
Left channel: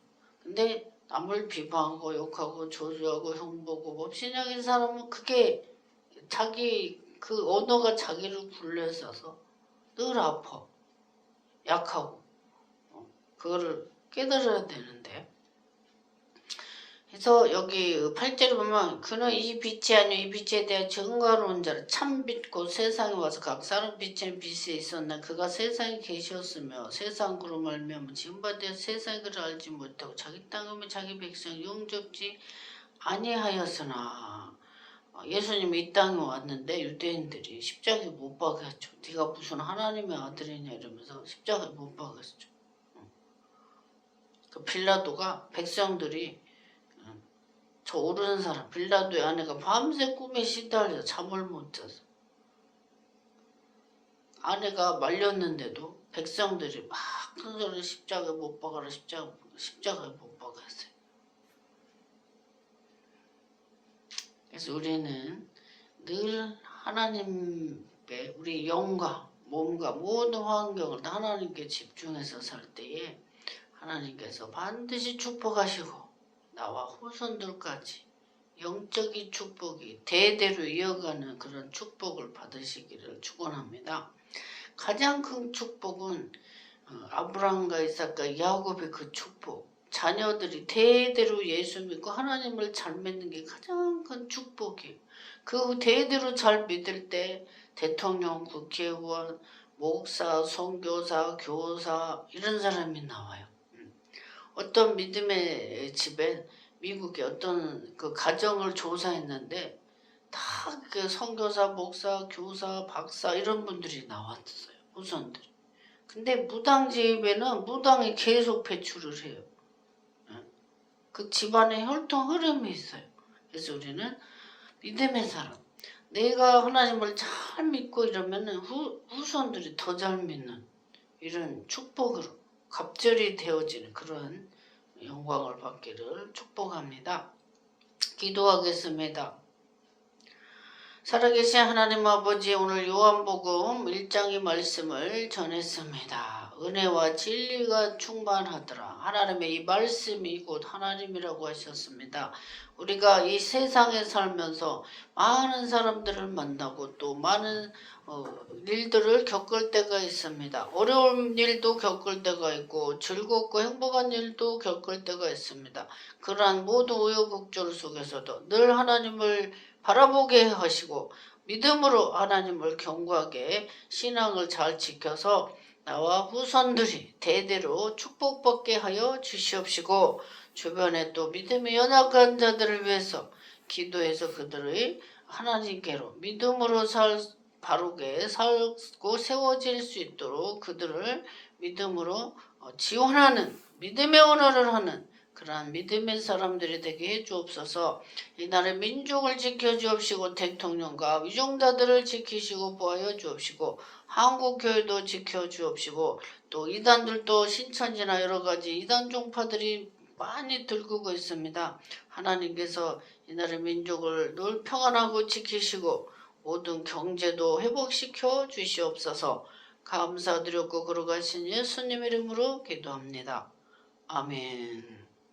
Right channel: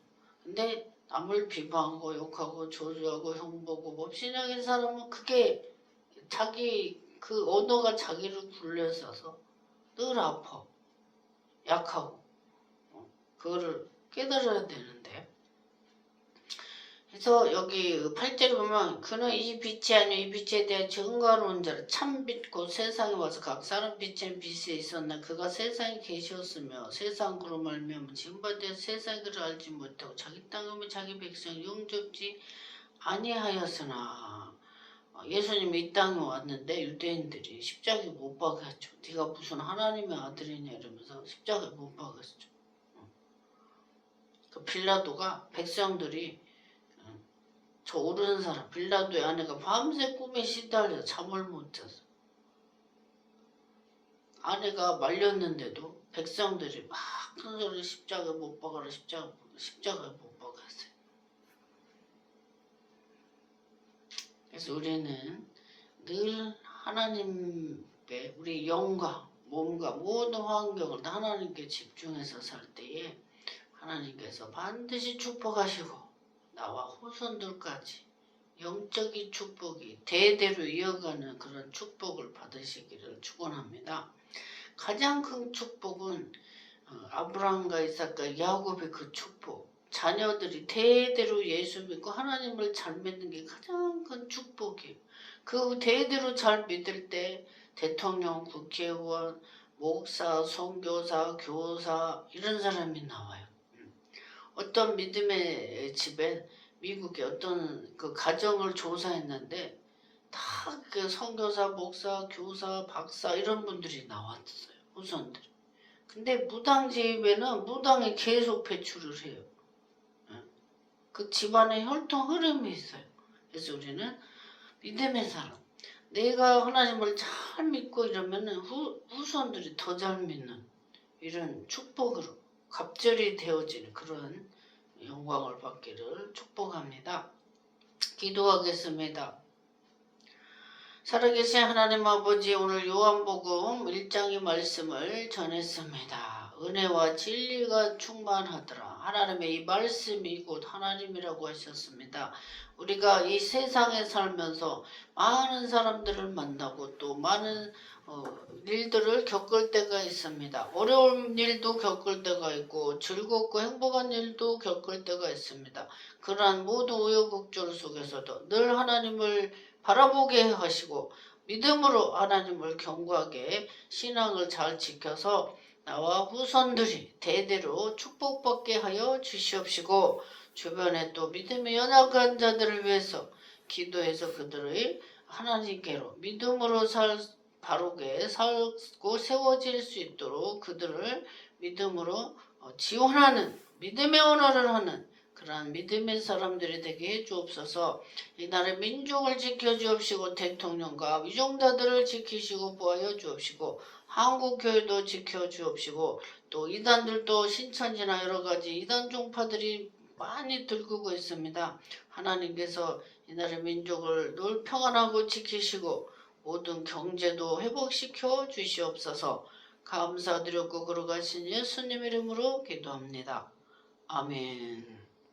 근데 남을 비방하고 욕하고 저주하고 흉보고 법신형인 사람은 그게 자기 그 언어가 자기를 굴려서서 늘 아파. 약하고. 그거를 깨달아야 되는데. 그래서 여기 8절에 보면 그는 이 빛이 아니요 이 빛에 대한 증거로운 자를 참 빛고 세상에 와서 각 사람 빛은 빛에 있었나 그가 세상에 계셨으며 세상 그로 말미암아 지음받아 세상에 그를 알지 못하고 자기 땅에 오면 자기 백성 용접지 아니하였으나 예수님이 이 땅에 왔는데 유대인들이 십자가에 못 박았죠. 네가 무슨 하나님의 아들이냐 이러면서 십자가에 못 박았죠. 그 빌라도가 백성들이 저 오르는 사람 빌라도의 아내가 밤새 꿈에 시달려 잠을 못 자서 아내가 말렸는데도 백성들이 막 큰 소리로 십자가에 못 박아라 십자가에 못 박았어요. 그래서 우리는 늘 하나님의 우리 영과 몸과 모든 환경을 하나님께 집중해서 살 때에 하나님께서 반드시 축복하시고 나와 후손들까지 영적인 축복이 대대로 이어가는 그런 축복을 받으시기를 축원합니다. 가장 큰 축복은 아브라함과 이삭과 야곱의 그 축복. 자녀들이 대대로 예수 믿고 하나님을 잘 믿는 게 가장 큰 축복이에요. 그 대대로 잘 믿을 때 대통령, 국회의원, 목사, 선교사, 교사 이런 사람이 나와요. 어떤 믿음의 집에 미국의 어떤 그 가정을 조사했는데 다 그 선교사, 목사, 교사, 박사 이런 분들이 나왔어요. 후손들이. 근데 무당 집에는 무당이 계속 배출을 해요. 그 집안에 혈통 흐름이 있어요. 그래서 우리는 믿음의 사람. 내가 하나님을 잘 믿고 이러면은 후손들이 더 잘 믿는 이런 축복으로 갑절이 되어지는 그런 영광을 받기를 축복합니다. 기도하겠습니다. 살아계신 하나님 아버지, 오늘 요한복음 1장의 말씀을 전했습니다. 은혜와 진리가 충만하더라. 하나님의 이 말씀이 곧 하나님이라고 하셨습니다. 우리가 이 세상에 살면서 많은 사람들을 만나고 또 많은 일들을 겪을 때가 있습니다. 어려운 일도 겪을 때가 있고 즐겁고 행복한 일도 겪을 때가 있습니다. 그러한 모든 우여곡절 속에서도 늘 하나님을 바라보게 하시고 믿음으로 하나님을 경고하게 신앙을 잘 지켜서 나와 후손들이 대대로 축복받게 하여 주시옵시고, 주변에 또 믿음이 연약한 자들을 위해서 기도해서 그들의 하나님께로 믿음으로 바르게 살고 세워질 수 있도록 그들을 믿음으로 지원하는 믿음의 언어를 하는 그러한 믿음의 사람들이 되게 해주옵소서. 이 나라의 민족을 지켜주옵시고 대통령과 위종자들을 지키시고 보호하여 주옵시고 한국교회도 지켜주옵시고 또 이단들도 신천지나 여러가지 이단 종파들이 많이 들고 있습니다. 하나님께서 이 나라의 민족을 늘 평안하고 지키시고 모든 경제도 회복시켜 주시옵소서. 감사드렸고 걸어가신 예수님 이름으로 기도합니다. 아멘.